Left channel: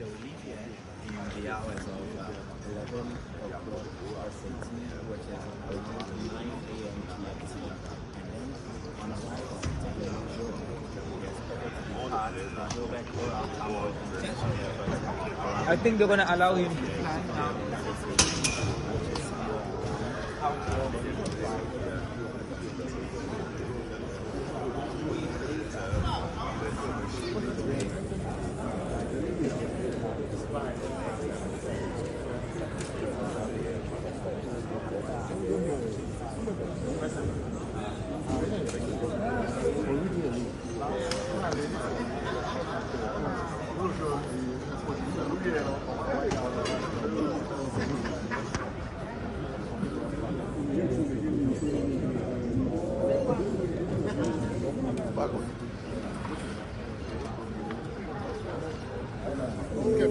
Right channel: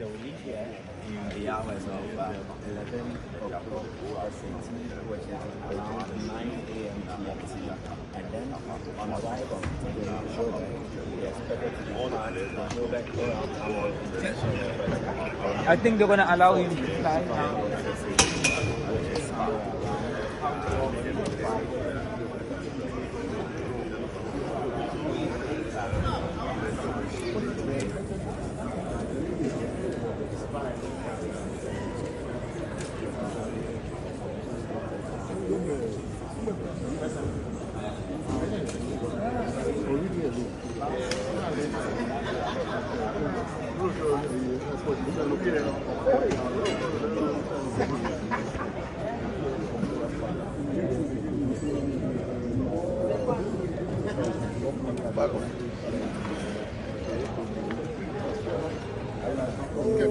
the hours of 11 o'clock SCT, which is around 9 a.m. GMT. And then on arrival, we will go back. We expected to be parked, go back around I think they're gonna allow him to fly now. Okay,